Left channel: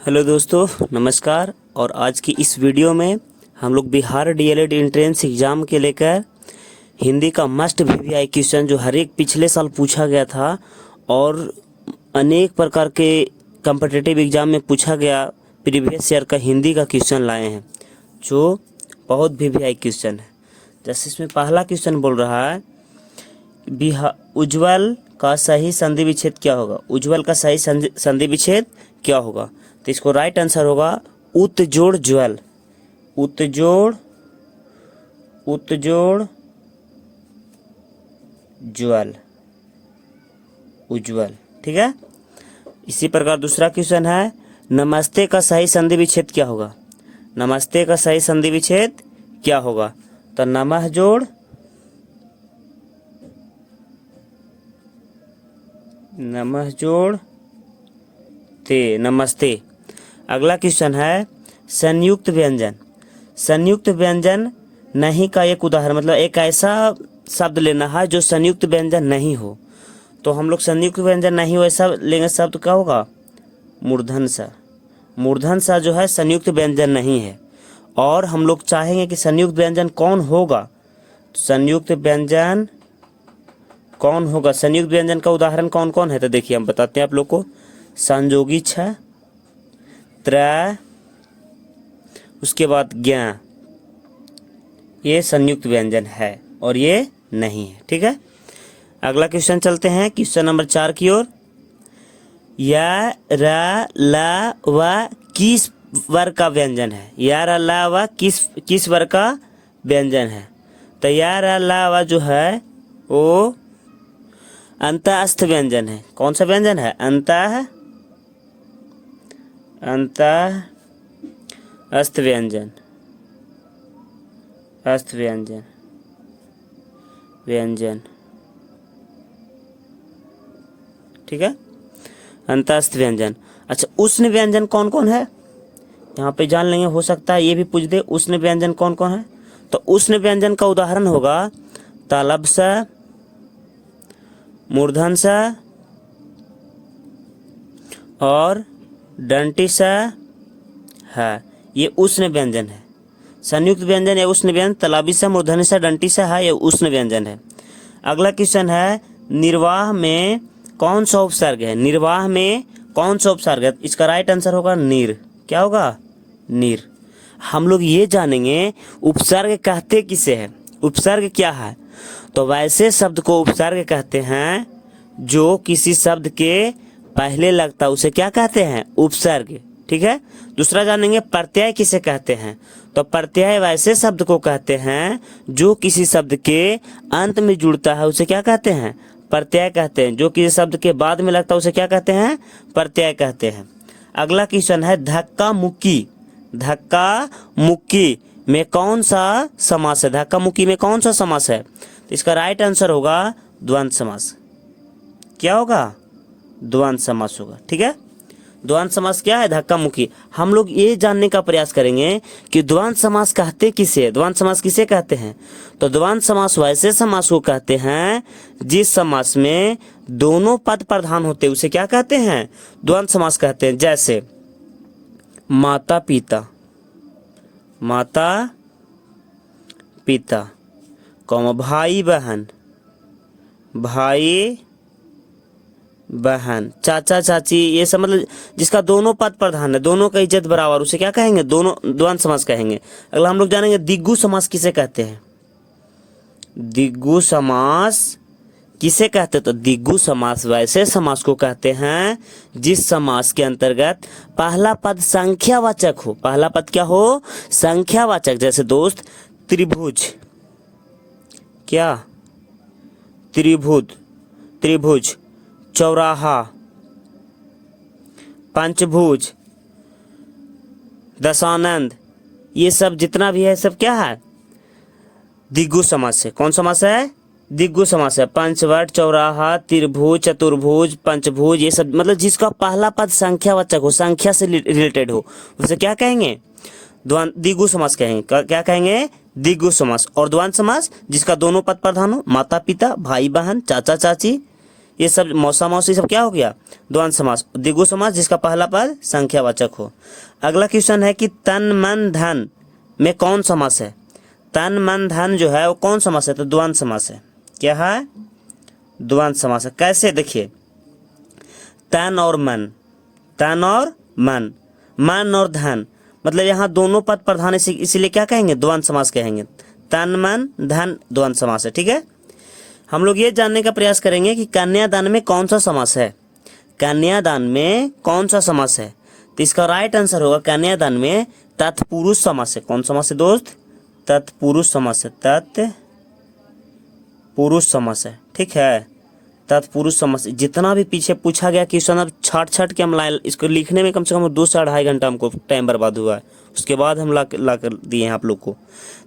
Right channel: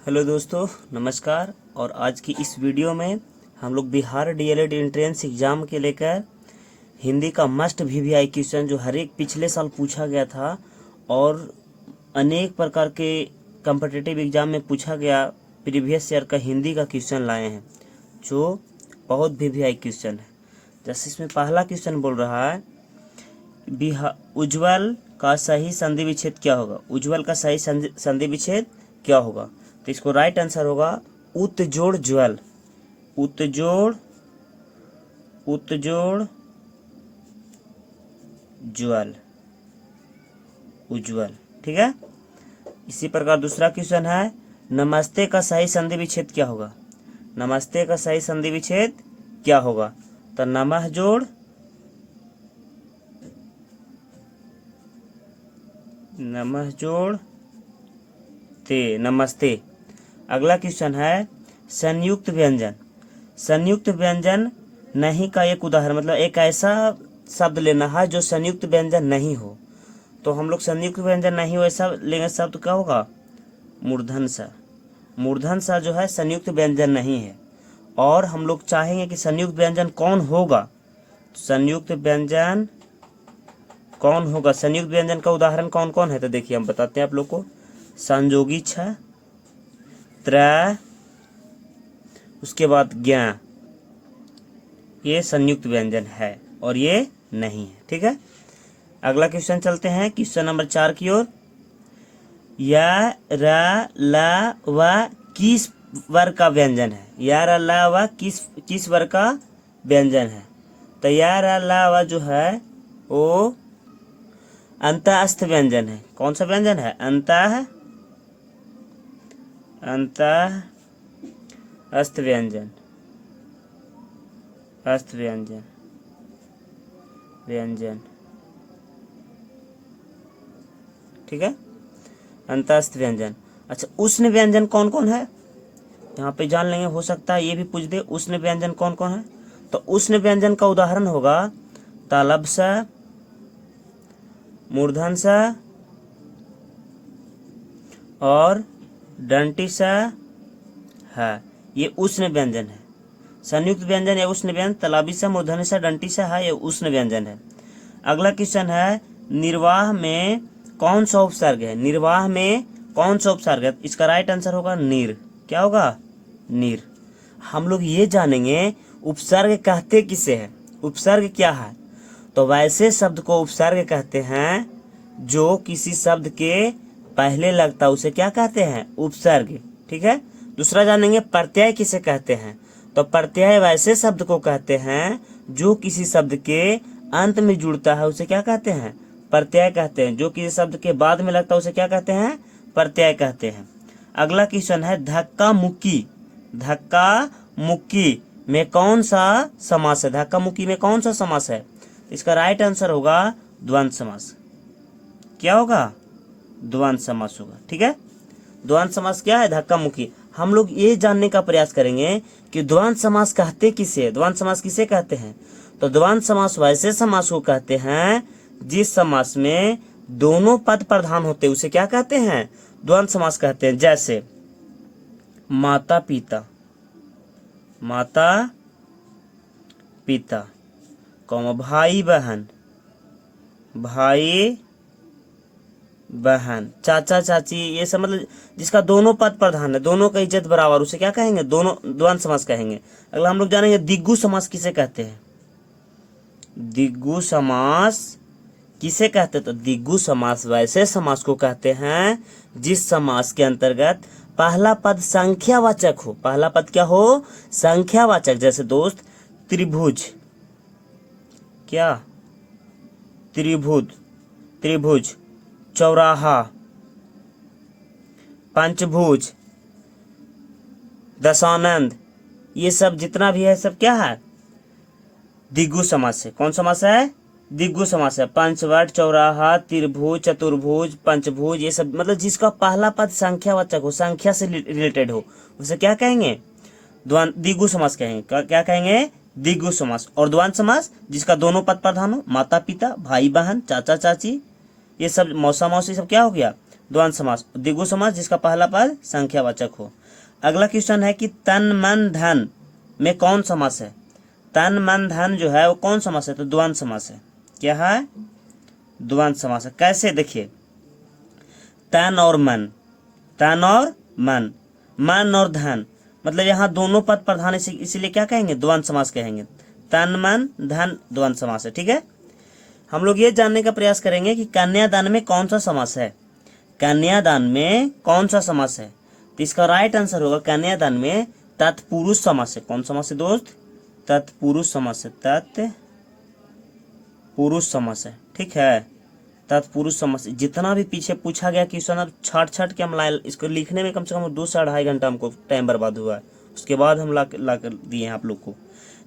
Hello दोस्तों, नमस्कार। और आज की इस वीडियो में हम लोग बिहार डीएलएड एंट्रेंस एग्ज़ाम के लेकर हिंदी का मस्ट वीवीआई क्वेश्चन जो हर एक पिछले साल पूछा गया था और अनेक प्रकार के कम्पिटिटिव एग्ज़ाम में पूछा गया प्रीवियस ईयर का हिंदी का क्वेश्चन लाए हैं जो बहुत वीवीआई क्वेश्चन है। जैसे इसमें पहला क्वेश्चन बोल रहा है उज्ज्वल का सही संधि विच्छेद क्या होगा। उज्ज्वल का सही संधि विच्छेद क्या होगा? तो इसको राइट आंसर होगा उत्जोड़ ज्वल। उत्जोड़ उत्जोड़ ज्वल, उज्ज्वल। ठीक है। इसी प्रकार दूसरा क्वेश्चन है नमस्ते का सही संधि विच्छेद क्या होगा। नमस्ते का सही संधि विच्छेद क्या होगा? तो नमः जोड़ ते, नमस्ते। अगला क्वेश्चन है संयुक्त व्यंजन। संयुक्त व्यंजन नहीं का एक उदाहरण, मतलब एक ऐसा शब्द लेना है जो संयुक्त व्यंजन नहीं हो। तो हम लोग संयुक्त व्यंजन नहीं हो ऐसा लेंगे, शब्द क्या होगा? मूर्धन सा। मूर्धन सा जो है संयुक्त व्यंजन नहीं है। और हम लोग चाहेंगे कि संयुक्त व्यंजन कौन होगा। तो संयुक्त व्यंजन कौन होगा? संयुक्त व्यंजन का उदाहरण कौन कौन है? तो देखिए हम बताते हैं आप लोग को। संयोगी छ, त्र, उसके बाद ज्ञ, ये संयुक्त व्यंजन है और ये नहीं है। ठीक है। अगला क्वेश्चन चलते हैं क्वेश्चन नंबर 4 की ओर। या, र, ल, व किस वर्ग का व्यंजन है? या, र, ल, व किस वर्ग का व्यंजन है? तो या, र, ल, व जो है वो अंतःस्थ व्यंजन है। कौन सा व्यंजन है? अंतःस्थ व्यंजन। अस्थ व्यंजन, व्यंजन। ठीक है। अंतःस्थ व्यंजन। अच्छा, उष्ण व्यंजन कौन कौन है? यहाँ पे जान लेंगे, हो सकता है ये भी पूछ दे। उष्ण व्यंजन कौन कौन है? तो उष्ण व्यंजन का उदाहरण होगा तालब सा, मूर्धन सा और डंटी सा है। ये उष्ण व्यंजन है। संयुक्त व्यंजन या उष्ण व्यंजन तालाबी सा, मूर्धनी सा, डंटी सा है, ये उष्ण व्यंजन है। अगला क्वेश्चन है निर्वाह में कौन सा उपसर्ग है? निर्वाह में कौन सा उपसर्ग है? इसका राइट आंसर होगा निर। क्या होगा? निर। हम लोग ये जानेंगे उपसर्ग कहते किसे है। उपसर्ग क्या है? तो वैसे शब्द को उपसर्ग कहते हैं जो किसी शब्द के पहले लगता है, उसे क्या कहते हैं? उपसर्ग। ठीक है। दूसरा जानेंगे प्रत्यय किसे कहते हैं। तो प्रत्यय वैसे शब्द को कहते हैं जो किसी शब्द के अंत में जुड़ता है, उसे क्या कहते हैं? प्रत्यय कहते हैं। जो किसी शब्द के बाद में लगता है उसे क्या कहते हैं? प्रत्यय कहते हैं। अगला क्वेश्चन है धक्का मुक्की। धक्का मुक्की में कौन सा समास है? धक्का मुक्की में कौन सा समास है? तो इसका राइट आंसर होगा द्वंद्व समास। क्या होगा? द्वंद्व समास होगा। ठीक है। द्वंद्व समास क्या है? धक्का मुक्की। हम लोग ये जानने का प्रयास करेंगे कि द्वंद्व समास कहते किसे? द्वंद्व समास किसे कहते हैं? तो द्वंद्व समास वैसे समास को कहते हैं जिस समास में दोनों पद प्रधान होते हैं, उसे क्या कहते हैं? द्वंद्व समास कहते हैं। जैसे माता पिता, माता पिता, भाई बहन, भाई बहन, चाचा चाची, ये सब मतलब जिसका दोनों पद प्रधान है, दोनों का इज्जत बराबर, उसे क्या कहेंगे? दोनों द्वंद्व समास कहेंगे। अगला हम लोग जानेंगे दिग्गु समास किसे कहते हैं। दिग्गु समास किसे कहते हैं? तो दिग्गु समास वैसे समास को कहते हैं जिस समास के अंतर्गत पहला पद संख्यावाचक हो। पहला पद क्या हो? संख्यावाचक। जैसे दोस्त त्रिभुज, क्या? त्रिभुज, चौराहा, पंचभुज, दशानंद, ये सब जितना भी है सब क्या है? दिग्गु समास है। कौन समास है? दिग्गु समास है। पंचवट, चौराहा, त्रिभुज, चतुर्भुज, पंचभुज, ये सब मतलब जिसका पहला पद संख्यावाचक हो, संख्या से रिलेटेड हो, उसे क्या कहेंगे? दिग्गु समास कहेंगे। क्या कहेंगे? दिग्गु समास। और द्वंद्व समास जिसका दोनों पद प्रधान हो, माता पिता, भाई बहन, चाचा चाची, ये सब मौसा मौसी सब क्या हो गया, द्वंद्व समास। द्विगु समास जिसका पहला पद संख्यावाचक हो। अगला क्वेश्चन है कि तन मन धन में कौन समास है। तन मन धन जो है वो कौन समास है, तो द्वंद्व समास है। क्या है, द्वंद्व समास है। कैसे, देखिए तन और मन, तन और मन, मन और धन, मतलब यहाँ दोनों पद प्रधान, इसीलिए क्या कहेंगे, द्वंद्व समास कहेंगे। तन मन धन द्वंद्व समास है। ठीक है, हम लोग ये जानने का प्रयास करेंगे कि कन्यादान में कौन सा समास है। कन्यादान में कौन सा समास है, तो इसका राइट आंसर होगा कन्यादान में तत्पुरुष समास है। कौन समास है दोस्त, तत्पुरुष समास है, तत्पुरुष समास है। ठीक है, तत्पुरुष समास। जितना भी पीछे पूछा गया क्वेश्चन अब छाट छाट के हम लाए, इसको लिखने में कम से कम 2 से 2.5 घंटा हमको टाइम बर्बाद हुआ है, उसके बाद हम ला कर दिए हैं आप लोग को।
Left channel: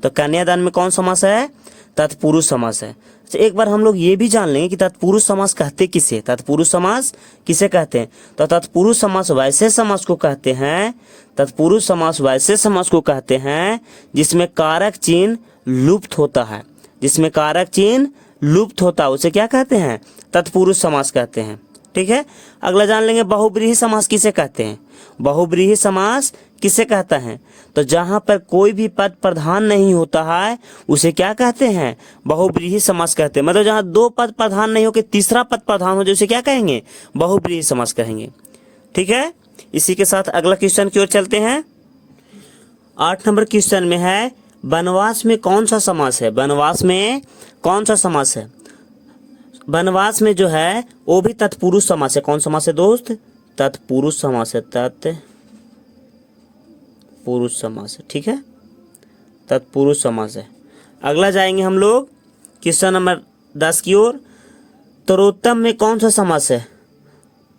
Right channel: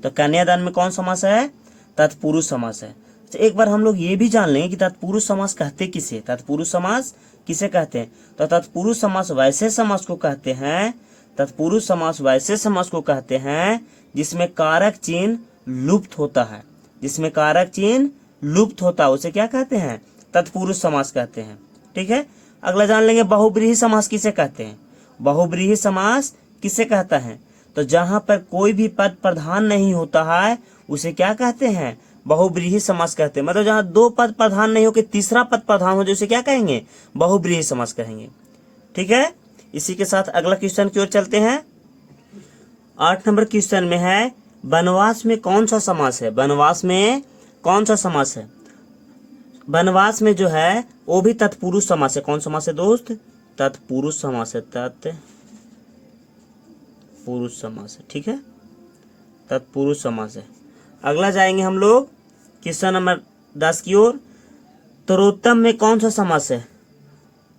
तो कन्यादान में कौन समास है, तत्पुरुष समास है। तो एक बार हम लोग ये भी जान लें कि तत्पुरुष समास कहते किसे, तत्पुरुष समास किसे कहते हैं। तो तत्पुरुष समास वैसे समास को कहते हैं, तत्पुरुष समास वैसे समास को कहते हैं जिसमें कारक चिन्ह लुप्त होता है, जिसमें कारक चिन्ह लुप्त होता है उसे क्या कहते हैं, तत्पुरुष समास कहते हैं। ठीक है, अगला जान लेंगे बहुब्रीहि समास किसे कहते हैं। बहुब्रीहि समास किसे कहता है, तो जहां पर कोई भी पद प्रधान नहीं होता है उसे क्या कहते हैं, बहुब्रीहि समास कहते हैं। मतलब जहां 2 पद प्रधान नहीं हो के तीसरा पद प्रधान हो, उसे क्या कहेंगे, बहुब्रीहि समास कहेंगे। ठीक है, इसी के साथ अगला क्वेश्चन की ओर चलते हैं। 8 नंबर क्वेश्चन में है वनवास में कौन सा समास है। वनवास में कौन सा समास है, वनवास में जो है वो भी तत्पुरुष समास है। कौन समास है दोस्त, तत्पुरुष समास है, तत्पुरुष समास है। ठीक है, तत्पुरुष समास है। अगला जाएंगे हम लोग क्वेश्चन नंबर 10 की ओर। तरोत्तम में कौन सा समास है,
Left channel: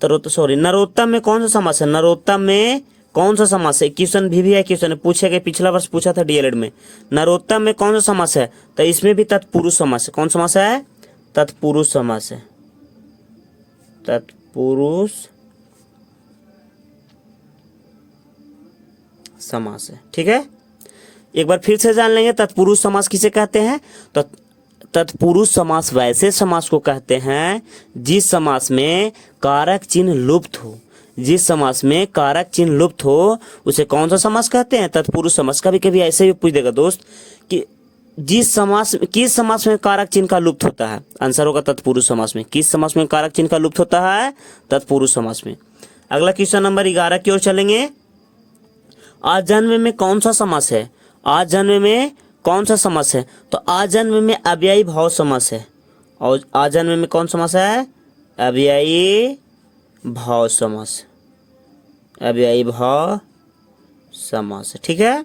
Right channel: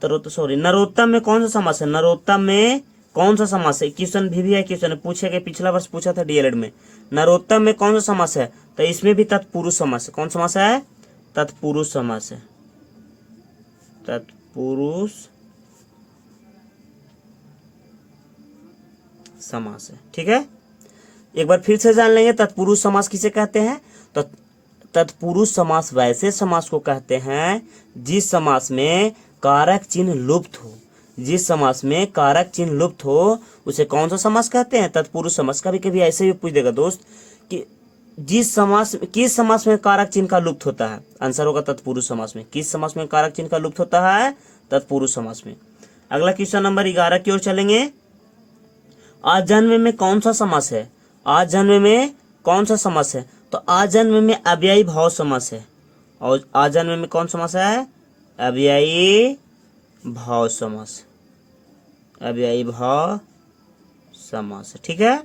नरोत्तम में कौन सा समास है, नरोत्तम में कौन सा समास है। क्वेश्चन भी है, क्वेश्चन पूछे गए, पिछला वर्ष पूछा था डीएलएड में। नरोत्तम में कौन सा समास है, तो इसमें भी तत्पुरुष समास है। कौन समास है, तत्पुरुष समास है, तत्पुरुष समास है। ठीक है, एक बार फिर से जान लेंगे तत्पुरुष समास किसे कहते हैं। तो तत्पुरुष समास वैसे समास को कहते हैं जिस समास में कारक चिन्ह लुप्त हो, जिस समास में कारक चिन्ह लुप्त हो उसे कौन सा समास कहते हैं, तत्पुरुष समास। कभी कभी ऐसे भी पूछ देगा दोस्त कि जिस समास, किस समास में कारक चिन्ह का लुप्त होता है, आंसर होगा तत्पुरुष समास में। किस समास में कारक चिन्ह का लुप्त होता है, तत्पुरुष समास में। अगला क्वेश्चन नंबर 11 की ओर चलेंगे। आजन्म में कौन सा समास है, आजन्म में कौन सा समास है, तो आजन्म में अव्ययी भाव समास है। और आजन्म में कौन समास है, अव्ययी भाव समास, अव्ययी भाव समास। ठीक है,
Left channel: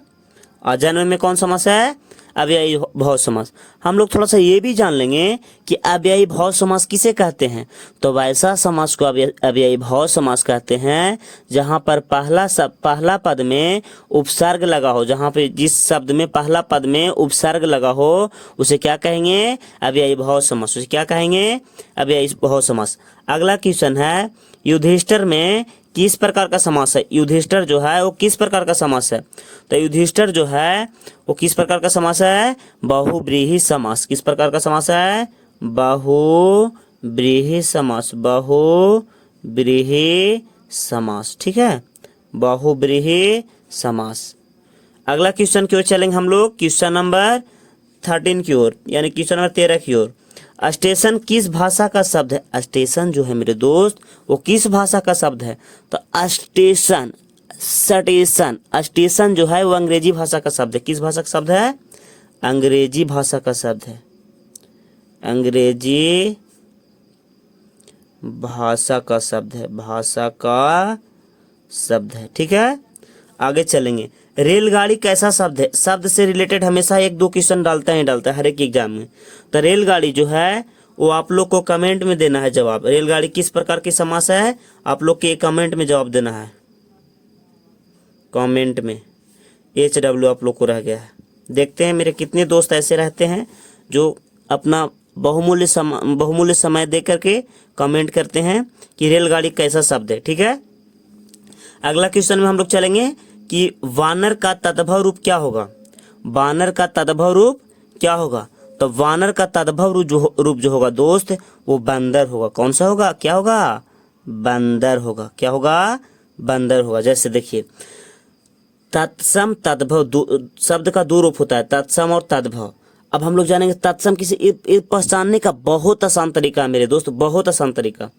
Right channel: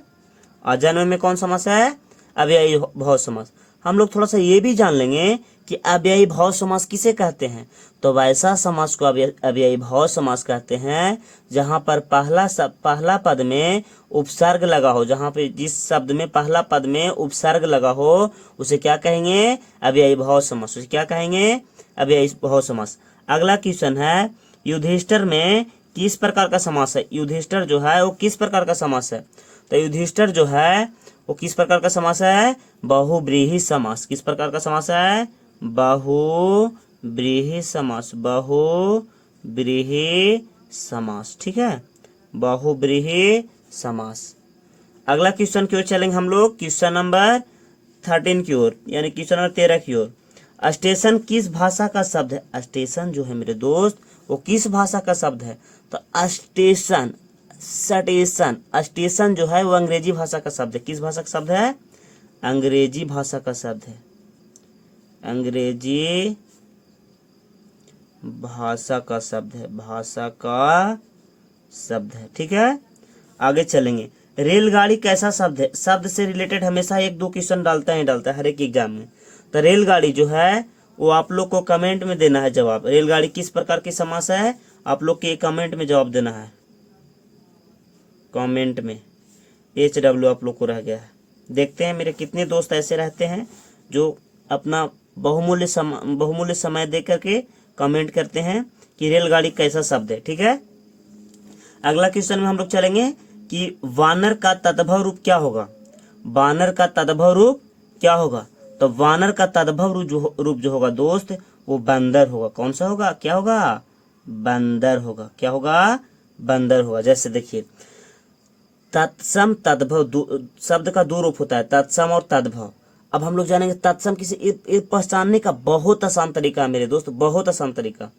आजन्म में कौन समास है, अव्ययी भाव समास। हम लोग थोड़ा सा ये भी जान लेंगे कि अव्ययी भाव समास किसे कहते हैं। तो वैसा समास को अव्ययी भाव समास कहते हैं जहां पर पहला पद में उपसर्ग लगा हो, जहां पे जिस शब्द में पहला पद में उपसर्ग लगा हो उसे क्या कहेंगे, अव्ययी भाव समास। उसे क्या कहेंगे, अव्ययी भाव समास। अगला क्वेश्चन है युधिष्ठिर में किस प्रकार का समास है। युधिष्ठिर जो है वो किस प्रकार का समास है, तो युधिष्ठिर जो है वो किस प्रकार का समास है, बहुब्रीहि समास। किस प्रकार का समास है, बहुब्रीहि समास, बहुब्रीहि समास। ठीक है, बहुब्रीहि समास। अगला क्वेश्चन की ओर चलेंगे हम लोग, क्वेश्चन नंबर 13 की ओर, यानी क्वेश्चन नंबर 13 की ओर। स्टेशन किस भाषा का शब्द है। स्टेशन जो है मेरे दोस्त वो किस भाषा का शब्द है, तो स्टेशन, स्टेशन जो है वो अंग्रेजी भाषा का शब्द है। किस भाषा का शब्द है, अंग्रेजी भाषा का शब्द है, अंग्रेजी भाषा का शब्द है, भाषा का शब्द है। ठीक है, आगे चलेंगे। रेलगाड़ी कैसा शब्द है, शब्द से रिलेटेड हमेशा 1-2 क्वेश्चन डालता है हर एक एग्जाम में। तो रेलगाड़ी जो है वो आप लोग को कमेंट में देना है जवाब। रेलगाड़ी किस प्रकार की समास है, आप लोग के कमेंट में जवाब देना है, कमेंट में। HW आप लोग को रह गया है। देखते हैं मेरे कितने दोस्त ऐसे रहते हैं जो अपना बहुमूल्य समय दे करके कमेंट करते हैं कि रेलगाड़ी कैसा शब्द है। ठीक है, अगला क्वेश्चन में हम लोग चलेंगे कि वानर का तद्भव रूप क्या होगा। वानर का तद्भव रूप क्या होगा, तो वानर का तद्भव रूप जो होगा दोस्त वो बंदर होगा। कौन सा होगा, क्या होगा, बंदर होगा। क्या होगा, बंदर होगा। जैसे देखिए तत्सम तद्भव, शब्द का दो रूप होता है, तत्सम और तद्भव। अब हम लोग जानेंगे तत्सम किसे, ये पहचानने का बहुत आसान तरीका है मेरे दोस्त, बहुत आसान तरीका।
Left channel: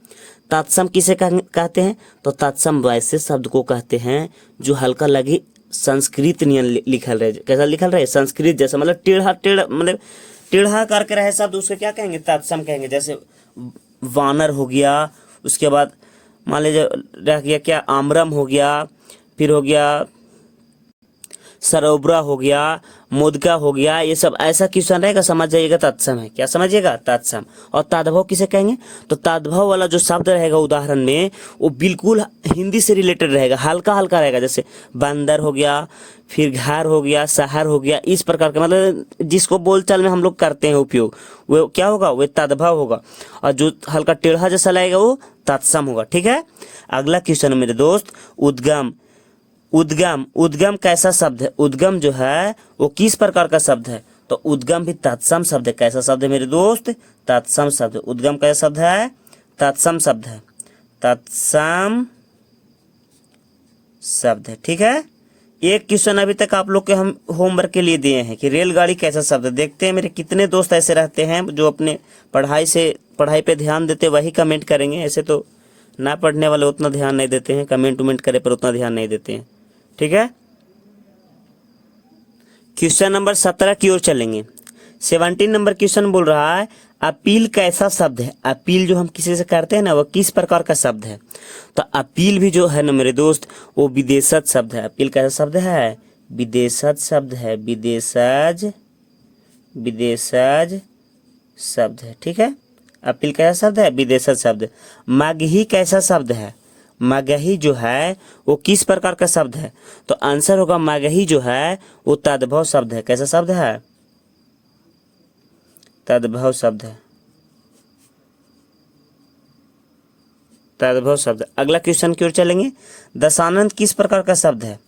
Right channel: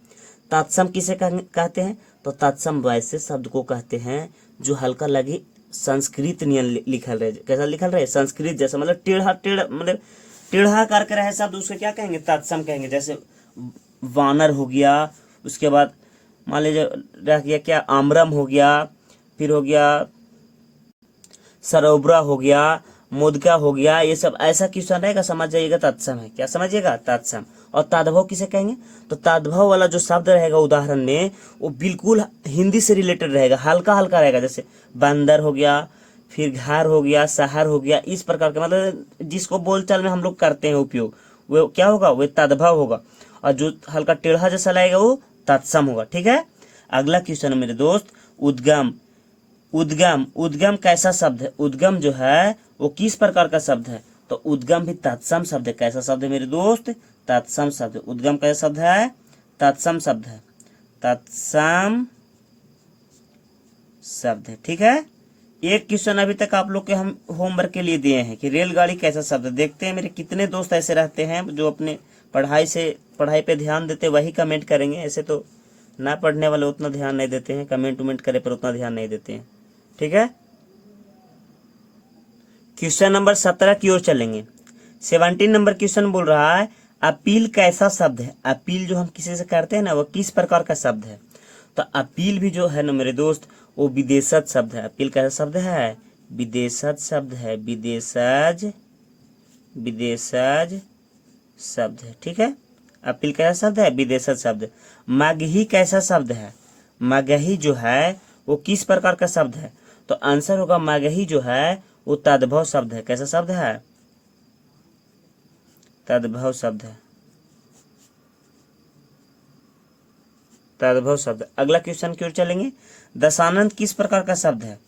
तत्सम किसे कहते हैं, तो तत्सम वैसे शब्द को कहते हैं जो हल्का लगे संस्कृत नियन लिखल रहे। कैसा लिखल रहे, संस्कृत जैसा, मतलब टेढ़ा टेढ़ा, मतलब टेढ़ा करके रहे शब्द, उसको क्या कहेंगे, तत्सम कहेंगे। जैसे वानर हो गया, उसके बाद मान लीजिए रह गया क्या, आम्रम हो गया, फिर हो गया सरोबरा हो गया, मुदगा हो गया, ये सब ऐसा क्वेश्चन रहेगा, समझ जाइएगा तत्सम है। क्या समझिएगा, तत्सम। और तद्भव किसे कहेंगे, तो तद्भव वाला जो शब्द रहेगा उदाहरण में, वो बिल्कुल हिंदी से रिलेटेड रहेगा, हल्का हल्का रहेगा। जैसे बंदर हो गया, फिर घर हो गया, शहर हो गया, इस प्रकार का, मतलब जिसको बोलचाल में हम लोग करते हैं उपयोग, वो क्या होगा, वो तद्भव होगा। और जो हल्का टेढ़ा जैसा लगेगा वो तत्सम होगा। ठीक है। अगला क्वेश्चन है मेरे दोस्त, उद्गम। उद्गम, उद्गम कैसा शब्द है, उद्गम जो है वो किस प्रकार का शब्द है, तो उद्गम भी तत्सम शब्द है। कैसा शब्द है मेरे दोस्त, तत्सम शब्द। उद्गम कैसा शब्द है, तत्सम शब्द है, तत्सम शब्द है। ठीक है। एक क्वेश्चन अभी तक आप लोग के हम होमवर्क के लिए दिए हैं कि रेलगाड़ी कैसा शब्द है। देखते हैं मेरे कितने दोस्त ऐसे रहते हैं जो अपने पढ़ाई पे ध्यान देते, वही कमेंट करेंगे। ऐसे तो ना पढ़ने वाले उतना ध्यान नहीं देते हैं, कमेंट उमेंट करे पर उतना ध्यान नहीं देते हैं। ठीक है। क्वेश्चन नंबर 17 की ओर चलेंगे। 17 नंबर क्वेश्चन बोल रहा है, अपील कैसा शब्द है। अपील जो हम किसी से करते हैं ना, वो किस प्रकार का शब्द है, तो अपील भी जो है ना मेरे दोस्त, वो विदेशज शब्द है। अपील कैसा शब्द है, विदेशज शब्द है, विदेशज, विदेशज शब्द है। ठीक है। अपील कैसा शब्द है, विदेशज शब्द। मगही कैसा शब्द है, मगही जो है वो किस प्रकार का शब्द है, तो आंसर होगा मगही जो है वो तद्भव शब्द है। कैसा शब्द है, तद्भव शब्द है, तद्भव शब्द। अगला क्वेश्चन की ओर चलेंगे। दशानंद किस प्रकार का शब्द है।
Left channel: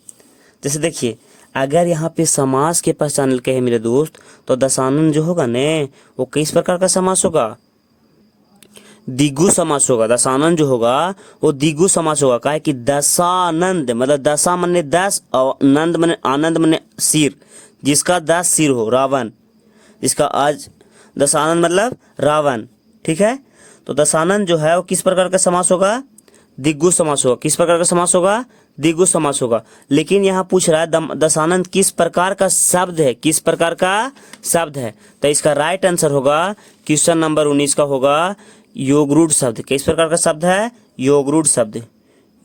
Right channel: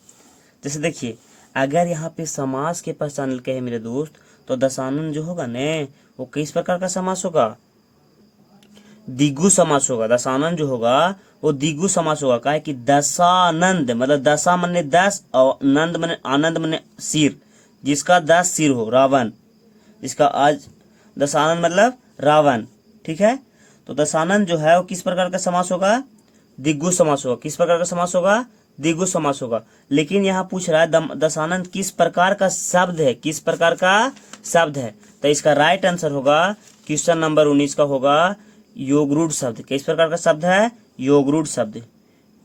जैसे देखिए अगर यहाँ पे समास के पहचान के है मेरे दोस्त, तो दशानंद जो होगा ने वो किस प्रकार का समास होगा, द्विगु समास होगा। दशानंद जो होगा वो द्विगु समास होगा। का है कि दशानंद, मतलब दशा मने 10 और नंद मने आनंद मने सिर, जिसका 10 सिर हो, रावण, जिसका आज दशानंद मतलब रावण। ठीक है। तो दशानंद जो है वो किस प्रकार का समास होगा, द्विगु समास होगा। किस प्रकार का समास होगा, द्विगु समास होगा। लेकिन यहाँ पूछ रहा है दशानंद किस प्रकार का शब्द है, किस प्रकार का शब्द है, तो इसका राइट आंसर होगा क्वेश्चन नंबर 19 का होगा योगरूढ़ शब्द। किस प्रकार का शब्द है, योगरूढ़ शब्द,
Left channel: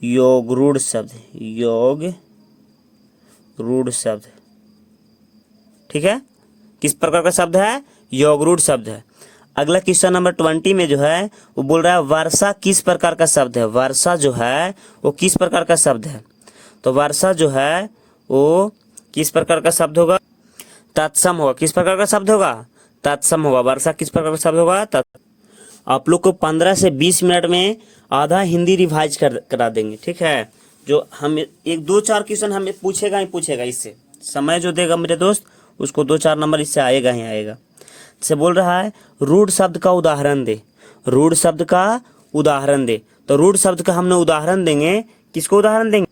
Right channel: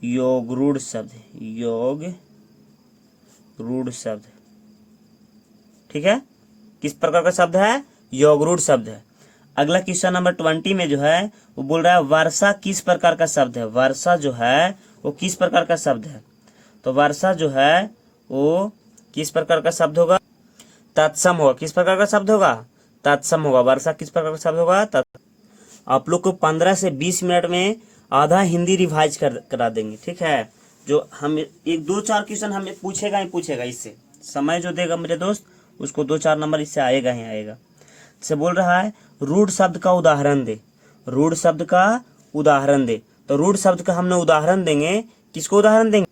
योगरूढ़ शब्द, योग रूढ़ शब्द। ठीक है। किस प्रकार का शब्द है, योगरूढ़ शब्द है। अगला क्वेश्चन नंबर 20 में जो है वो बोल रहा है वर्षा किस प्रकार का शब्द है। वर्षा जो है वो किस प्रकार का शब्द है, तो वर्षा जो है वो किस प्रकार का शब्द होगा, तत्सम होगा। किस प्रकार का शब्द होगा, तत्सम होगा। वर्षा किस प्रकार का शब्द होगा, आप लोग को 15 से 20 मिनट में आधा हिंदी रिवाइज करा देंगे। ठीक है। जो हम एक 2-4 क्वेश्चन हमें पूछेगा ही पूछेगा, इससे समय जो देगा मेरे दोस्त उसको 2-4 नंबर इससे आएगा ही आएगा। से बोल रहा है रूढ़ शब्द का उदाहरण दे, रूढ़ शब्द का उदाहरण दे। तो रूढ़ शब्द का हमने उदाहरण देंगे, किसको उदाहरण देंगे,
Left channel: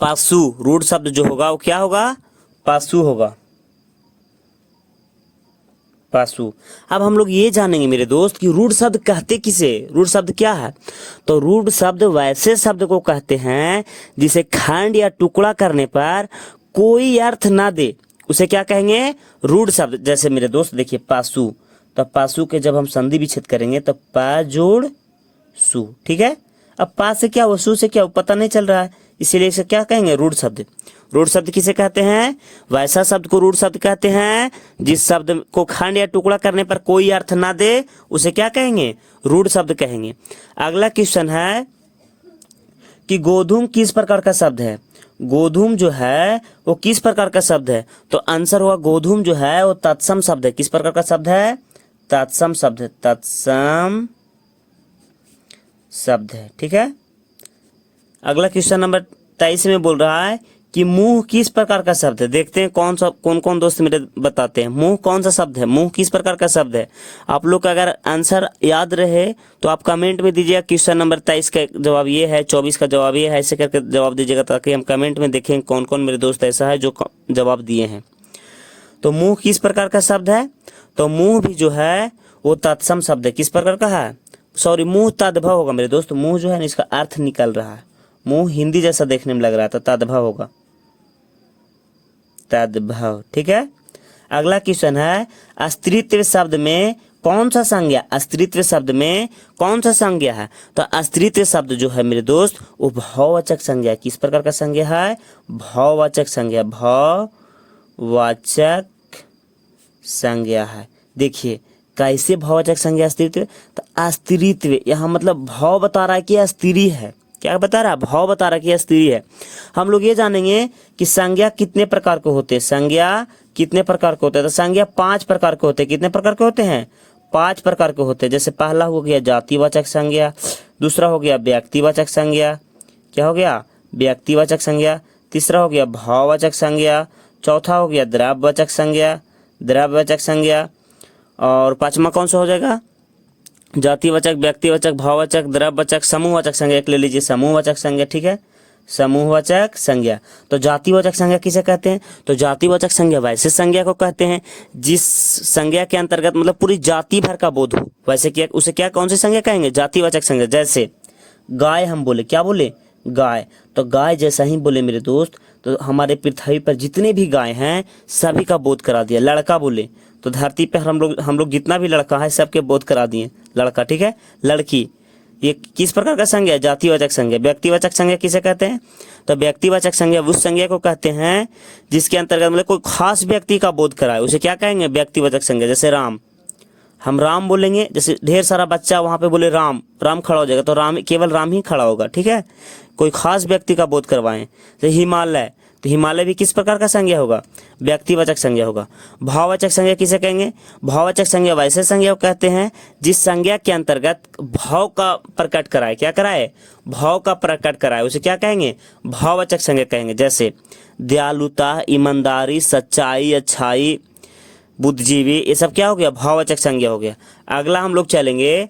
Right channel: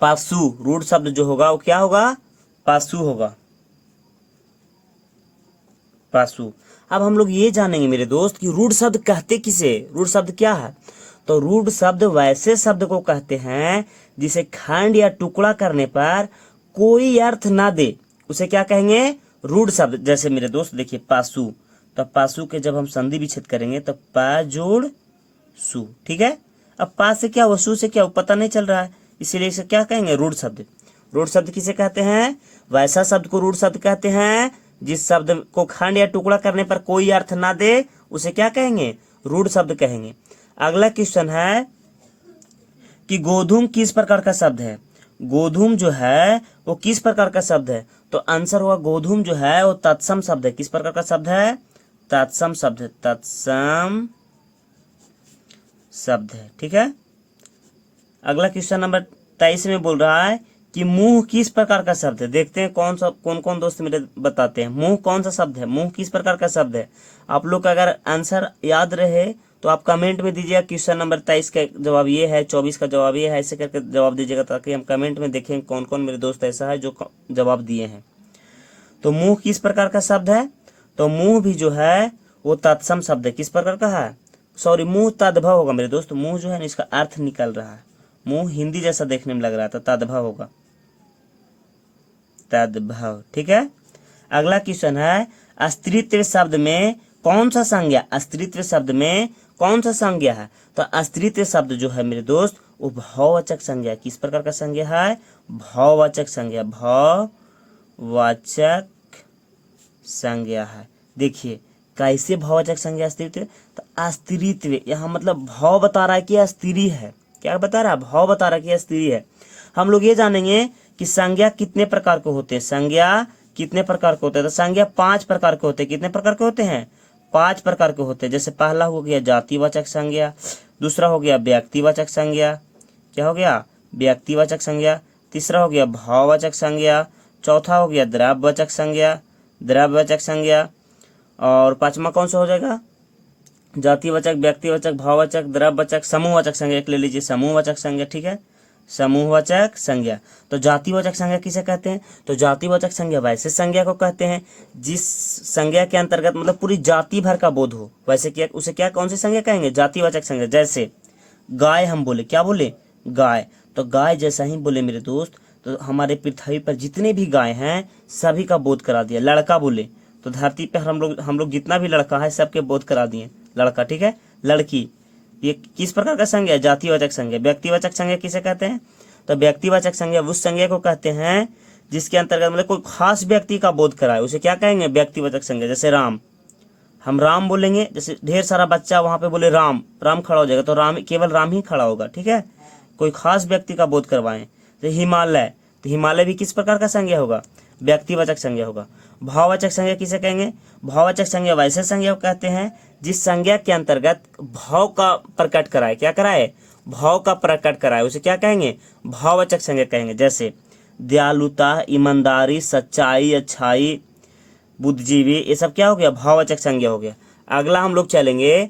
पशु। रूढ़ शब्द जो होगा वो क्या होगा, पशु होगा, पशु। अब हम लोग ये जानेंगे मेरे दोस्त कि रूढ़ शब्द कहते किसे, रूढ़ शब्द क्या है, तो रूढ़ शब्द वैसे शब्द को कहते हैं जिसे खंड या टुकड़ा करने पर कोई अर्थ ना दे, उसे क्या कहेंगे, रूढ़ शब्द। जैसे मेरे दोस्त देखिए पशु, तो पशु के जब हम संधि विच्छेद करेंगे तो प जोड़ सु। ठीक है। अब पा से क्या हुआ, सु से क्या हुआ, पता नहीं चल रहा है, इसीलिए इसे क्या कहेंगे, रूढ़ शब्द। रूढ़ शब्द किसे कहते हैं, वैसा शब्द को रूढ़ शब्द कहते हैं जिस शब्द को खंड या टुकड़ा करने पर कोई अर्थ ना दे, उसे क्या कहेंगे, रूढ़ शब्द कहेंगे। अगला क्वेश्चन है कि गोधूम किस प्रकार का शब्द है। गोधूम जो है वो किस प्रकार का शब्द है, तो आंसर हुआ गोधूम जो है वो तत्सम शब्द है। किस प्रकार का शब्द है, तत्सम शब्द है, तत्सम शब्द है। ठीक है। अगला क्वेश्चन नंबर 23 में बोल रहा है कि मुंह किस प्रकार का शब्द है। देखते हैं कौन कौन दोस्त मेरे बताते हैं मुंह कौन सा शब्द है, मुंह किस प्रकार का शब्द है। आप लोग का अगर आंसर याद रहे तो आप कमेंट में दीजिएगा। क्वेश्चन नंबर 23 का जवाब ये है, 24 का जवाब ये है, ऐसे करके जवाब दीजिएगा ताकि हम कमेंट में देखें कौन कौन मेरे दोस्त ऐसा है जो जवाब दिए हैं। तो मुंह किस प्रकार का शब्द है, तो मुंह भी जो है वो तत्सम शब्द है। किस प्रकार का है, सॉरी मुंह तद्भव होगा मेरे दोस्त। मुंह जो है ना इसका अर्थ निकल रहा है, मुंह हिंदी जैसा देखने में लग रहा है तो तद्भव होगा, तद्भव। ठीक है। अगला क्वेश्चन है अस्तित्व शब्द में कौन सा संज्ञा, अस्तित्व शब्द में कौन सा संज्ञा है। तो अस्तित्व शब्द जो है मेरे दोस्त वो भाववाचक संज्ञा। किस प्रकार का संज्ञा है, भाववाचक संज्ञा, भाववाचक संज्ञा है। देखिए कैसे भाववाचक संज्ञा अस्तित्व, तो अस्तित्व यहाँ मतलब भाव बता रहा है कि स्त्री है। क्या बता रहा है, भाव बता रहा है कि स्त्री है। हम लोग ये जानेंगे कि संज्ञा कितने प्रकार के होते हैं, संज्ञा कितने प्रकार के होते हैं। तो संज्ञा 5 प्रकार के होते हैं। कितने प्रकार के होते हैं, 5 प्रकार के होते हैं। जैसे पहला हो गया जातिवाचक संज्ञा, दूसरा हो गया व्यक्तिवाचक संज्ञा, क्या हो गया व्यक्तिवाचक संज्ञा, तीसरा हो गया भाववाचक संज्ञा, चौथा हो गया द्रव्यवाचक संज्ञा, द्रव्यवाचक संज्ञा, और पांचवा कौन सा हो जाएगा, जातिवाचक, व्यक्तिवाचक, भाववाचक, द्रव्यवाचक, समूहवाचक संज्ञा। एक ले लीजिए समूहवाचक संज्ञा। ठीक है, समूहवाचक संज्ञा। तो जातिवाचक संज्ञा किसे कहते हैं, तो जातिवाचक संज्ञा वैसे संज्ञा को कहते हैं जिस संज्ञा के अंतर्गत मतलब पूरी जाति भर का बोध हो। वैसे क्या उसे क्या कौन सी संज्ञा कहेंगे, जातिवाचक संज्ञा। जैसे गाय हम बोले, क्या बोले गाय, तो गाय जैसा ही बोले मेरे दोस्त तो हमारे पृथ्वी पर जितने भी गाय हैं सभी का बोध करा दिया। लड़का बोले तो धरती पर हम लोग जितना भी लड़का है सबके बोध करा दिए लड़का। ठीक है, लड़की ये किस प्रकार का संज्ञा, जातिवाचक संज्ञा। व्यक्तिवाचक संज्ञा किसे कहते हैं, तो व्यक्तिवाचक संज्ञा उस संज्ञा को कहते हैं जिसके अंतर्गत मतलब कोई खास व्यक्ति का बोध कराए, उसे क्या कहेंगे व्यक्तिवाचक संज्ञा। जैसे राम, हम राम बोलेंगे, जैसे ढेर सारा बच्चा वहां पे बोले राम, राम खड़ा हो जाएगा तो राम केवल राम ही खड़ा होगा। ठीक है, कोई खास व्यक्ति का बोध करवाएं। जैसे हिमालय, तो हिमालय भी किस प्रकार का संज्ञा होगा, व्यक्तिवाचक संज्ञा होगा। भाववाचक संज्ञा किसे कहेंगे, भाववाचक संज्ञा वैसे संज्ञा को कहते हैं जिस संज्ञा के अंतर्गत भाव का प्रकट कराए, क्या कराए, भाव का प्रकट कराए, उसे क्या कहेंगे, भाववाचक संज्ञा कहेंगे। जैसे दयालुता, ईमानदारी, सच्चाई, अच्छाई, बुद्धिजीवी, ये सब क्या हो गया, भाववाचक संज्ञा हो गया। अगला हम लोग चलेंगे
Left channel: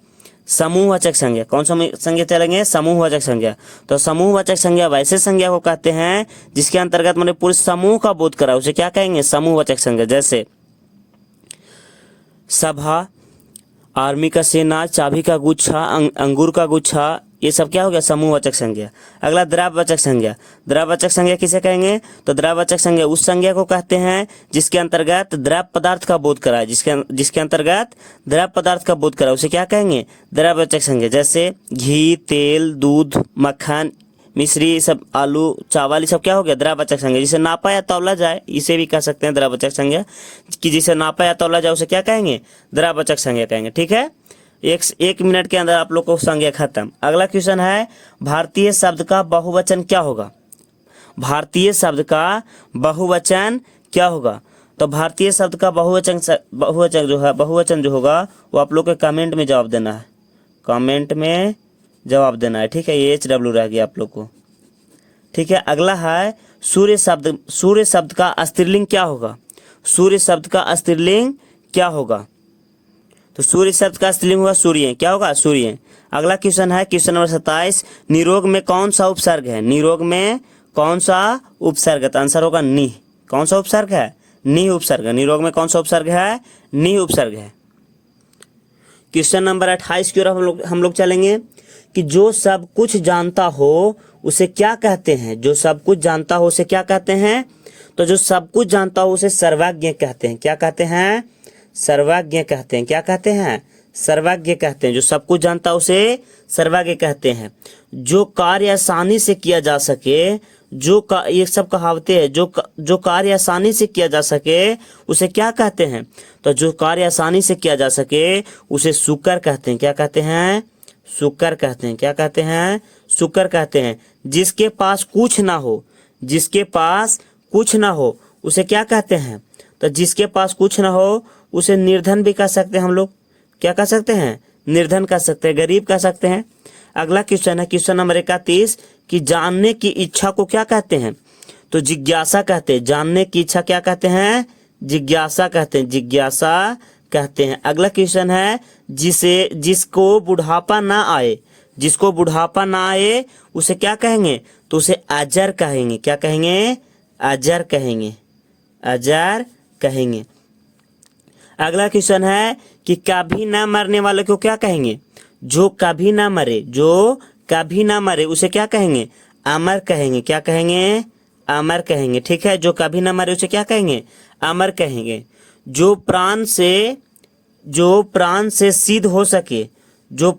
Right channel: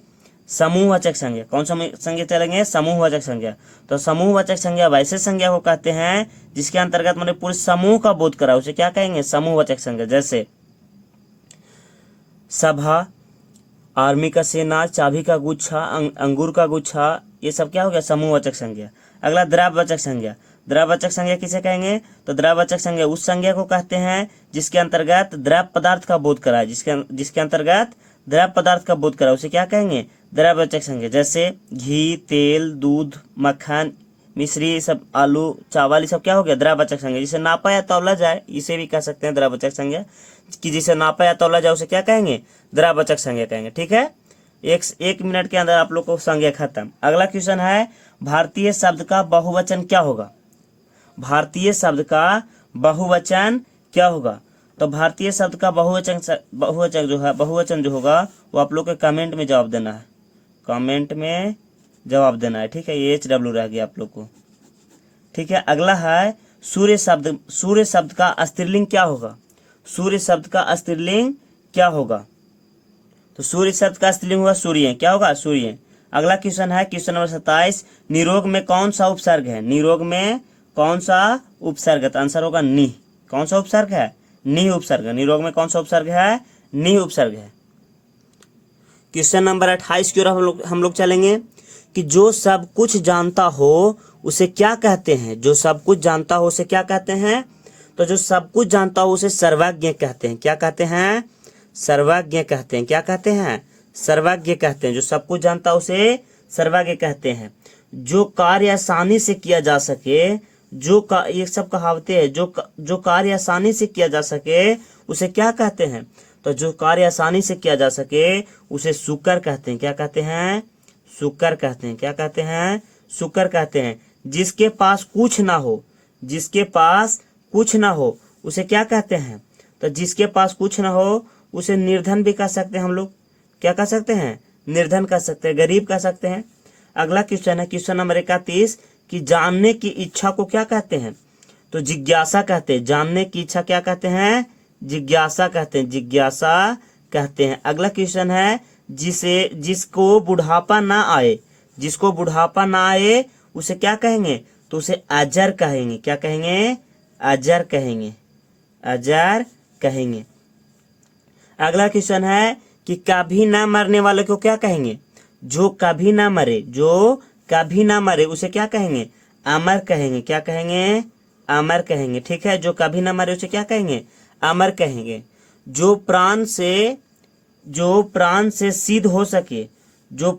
समूहवाचक संज्ञा। कौन सा संज्ञा चलेंगे, समूहवाचक संज्ञा। तो समूहवाचक संज्ञा वैसे संज्ञा को कहते हैं जिसके अंतर्गत मैंने पूरे समूह का बोध करा, उसे क्या कहेंगे, समूहवाचक संज्ञा। जैसे सभा, आर्मी का सेना, चाबी का गुच्छा, अंगूर का गुच्छा, ये सब क्या हो गया, समूहवाचक संज्ञा। अगला द्रव्यवाचक संज्ञा। द्रव्यवाचक संज्ञा किसे कहेंगे, तो द्रव्यवाचक संज्ञा उस संज्ञा को कहते हैं जिसके अंतर्गत द्रव्य पदार्थ का बोध कराए, जिसके अंतर्गत द्रव्य पदार्थ का बोध कराए, उसे क्या कहेंगे, द्रव्यवाचक संज्ञा। जैसे घी, तेल, दूध, मक्खन, मिश्री, सब आलू, चावल, ये सब क्या हो गया, द्रव्यवाचक संज्ञा। जिसे नापा या तौला जाए इसे भी कह सकते हैं द्रव्यवाचक संज्ञा, कि जिसे नापा या तौला जाए उसे क्या कहेंगे, द्रव्यवाचक संज्ञा कहेंगे। ठीक है, एक मिनट के अंदर आप लोग को संज्ञा खत्म। अगला क्वेश्चन है भारतीय शब्द का बहुवचन क्या होगा, भारतीय शब्द का बहुवचन क्या होगा। तो भारतीय शब्द का बहुवचन जो होगा वो आप लोग को कमेंट में जवाब देना है, कमेंट में जवाब देना है। ठीक है, ये HW रह गया आप लोग को। ठीक है, अगला है सूर्य शब्द, सूर्य शब्द का स्त्रीलिंग क्या होगा, सूर्य शब्द का स्त्रीलिंग क्या होगा। तो सूर्य शब्द का स्त्रीलिंग होगा सूर्य, क्या होगा, सूर्य। अगला क्वेश्चन है क्वेश्चन नंबर 27, निरोग में कौन सा उपसर्ग है, निरोग में कौन सा उपसर्ग है। तो आंसर होगा नि। कौन सा उपसर्ग है, नि उपसर्ग। निरोग में कौन सा उपसर्ग है, नि उपसर्ग है। क्वेश्चन नंबर 28 की ओर हम लोग चलेंगे कि जो सब कुछ जानता हो उसे क्या कहते हैं, जो सब कुछ जानता हो उसे क्या कहते हैं। तो जो सब कुछ जानता हो उसे सर्वज्ञ कहते हैं। क्या कहते हैं, सर्वज्ञ कहते हैं। क्या कहते हैं, सर्वज्ञ कहते हैं। जो सब कुछ जानता है उसे सर्वज्ञ कहते हैं। जो कार्य आसानी से किया जा सके, ये सब कहावतें हैं, जो कार्य आसानी से किया जा सके उसे क्या कहते हैं। तो जो कार्य आसानी से किया जा सके उसे सुकर कहते हैं। क्या कहते हैं, सुकर कहते हैं। क्या कहते हैं, सुकर कहते हैं। जिसके पास कुछ ना हो, जिसके पास कुछ ना हो उसे क्या कहते हैं। तो जिसके पास कुछ ना हो उसे निर्धन भी कह सकते हैं हम लोग। क्या कह सकते हैं, निर्धन कह सकते हैं, गरीब कह सकते हैं। अगला क्वेश्चन है क्वेश्चन नंबर 31 कि जानने की इच्छा को क्या कहते हैं। तो जिज्ञासा कहते हैं, जानने की इच्छा क्या कहते हैं, जिज्ञासा कहते हैं, जिज्ञासा कहते हैं। अगला क्वेश्चन है, जिसको बुढ़ापा ना आए, जिसको बुढ़ापा ना आए उसे क्या कहेंगे, तो उसे अजर कहेंगे। क्या कहेंगे, अजर कहेंगे, अजर कहेंगे। अगला क्वेश्चन है कि कभी ना मरने वाले को क्या कहेंगे, जो कभी ना मरे, जो कभी ना मरे उसे क्या कहेंगे, अमर कहेंगे। क्या कहेंगे, अमर कहेंगे। ठीक है, जो कभी ना मरे उसे क्या कहेंगे, अमर कहेंगे। जो प्राण से सिद्ध हो सके, जो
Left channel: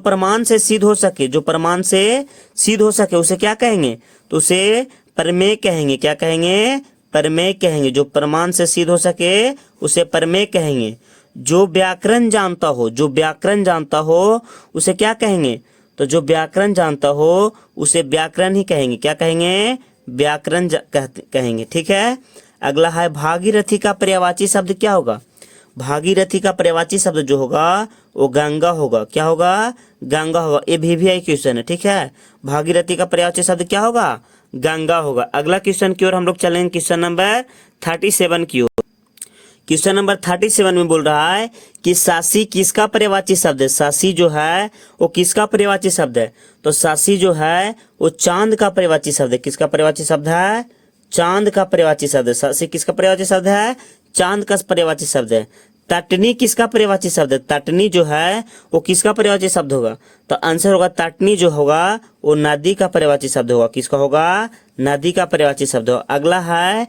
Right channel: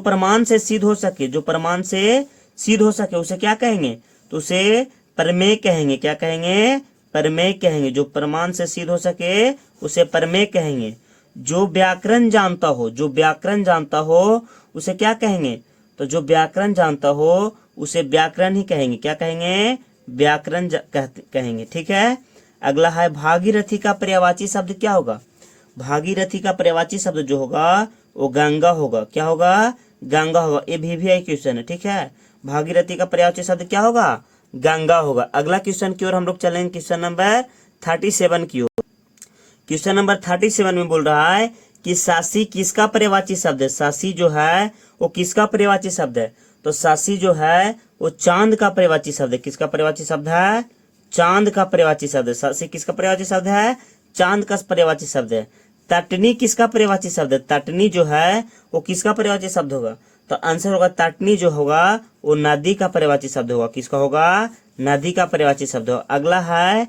प्रमाण से सिद्ध हो सके, जो प्रमाण से सिद्ध हो सके उसे क्या कहेंगे, तो उसे प्रमेय कहेंगे। क्या कहेंगे, प्रमेय कहेंगे। जो प्रमाण से सिद्ध हो सके उसे प्रमेय कहेंगे। जो व्याकरण जानता हो, जो व्याकरण जानता हो उसे क्या कहेंगे, तो जो व्याकरण जानता हो उसे व्याकरण ही कहेंगे। क्या कहेंगे, व्याकरण कहेंगे। ठीक है, अगला है भागीरथी का पर्यायवाची शब्द क्या होगा, भागीरथी का पर्यायवाची शब्द जो होगा वो गंगा होगा। क्या होगा, गंगा होगा। ये भी क्वेश्चन है। ठीक है, भागीरथी का पर्यायवाची शब्द क्या होगा, गंगा होगा। अगला क्वेश्चन की ओर हम लोग चलेंगे, क्वेश्चन नंबर 37 की ओर। क्वेश्चन नंबर 37 में बोल रहा है कि सासी किसका पर्यायवाची शब्द है, सासी जो है वो किसका पर्यायवाची शब्द है, तो सासी जो है वो चांद का पर्यायवाची शब्द है। किसका पर्यायवाची शब्द है, चांद का पर्यायवाची शब्द है। सासी किसका पर्यायवाची शब्द है, चांद का पर्यायवाची शब्द है। तटनी किसका पर्यायवाची शब्द है, तटनी जो है वो किसका पर्यायवाची शब्द होगा, तो आंसर होगा तटनी जो होगा वो नदी का पर्यायवाची शब्द होगा। किसका होगा, नदी का पर्यायवाची शब्द होगा। अगला है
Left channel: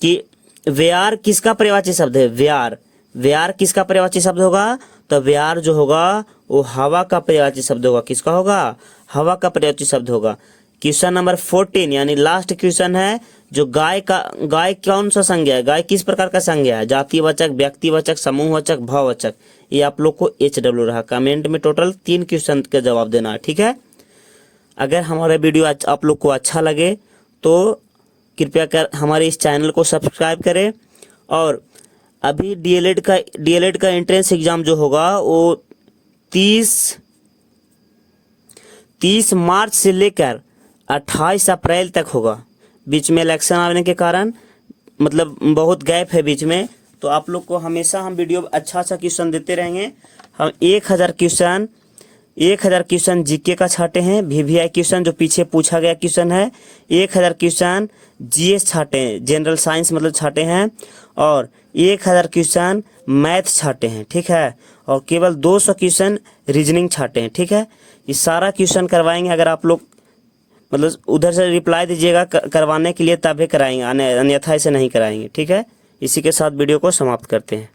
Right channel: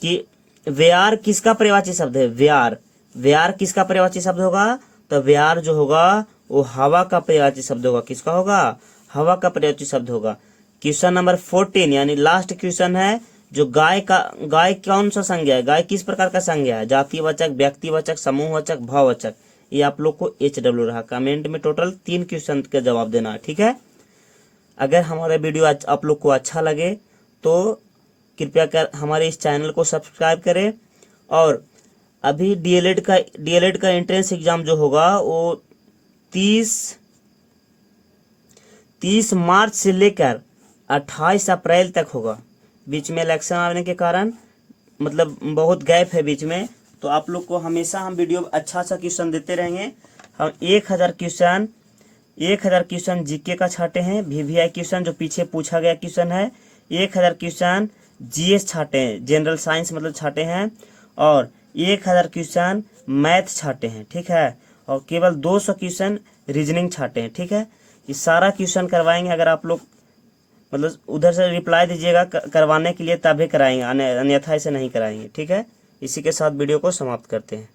कि व्यार किसका पर्यायवाची शब्द है, व्यार, व्यार किसका पर्यायवाची शब्द होगा, तो व्यार जो होगा वो हवा का पर्यायवाची शब्द होगा। किसका होगा, हवा का पर्यायवाची शब्द होगा। क्वेश्चन नंबर 14 यानी लास्ट क्वेश्चन है, जो गाय कौन सा संज्ञा है, गाय किस प्रकार का संज्ञा है, जातिवाचक, व्यक्तिवाचक, समूहवाचक, भाववाचक। ये आप लोग को HW रहा। कमेंट में टोटल 3 क्वेश्चन का जवाब देना है। ठीक है, अगर हमारा वीडियो आप लोग को अच्छा लगे तो कृपया कर हमारे इस चैनल को सब्सक्राइब करें। और अभी डीएलएड का एंट्रेंस एग्जाम जो होगा वो 30 मार्च से लेकर 28 अप्रैल तक होगा। बीच में इलेक्शन आने के कारण मतलब बहुत गैप है बीच में, तो आप लोग को हमेशा हम वीडियो अच्छा क्वेश्चन देते रहेंगे। हम 1000 क्वेश्चन जीके का छाटे हैं, VVI क्वेश्चन जो पीछे पूछा गया क्वेश्चन है, 1000 क्वेश्चन GS छाटे हैं, जनरल साइंस मतलब छाटे हैं, और 1000 क्वेश्चन मैथ छाटे हैं। ठीक है, और केवल 200 क्वेश्चन रीजनिंग छाटे हैं। ठीक है, ये सारा क्वेश्चन करवाएंगे। अगर आप लोग मतलब उधर से रिप्लाई दीजिएगा करवाने के लिए तभी कराएंगे, अन्यथा ऐसे नहीं कराएंगे। ठीक है, इसी के साथ वीडियो को समाप्त करते हैं।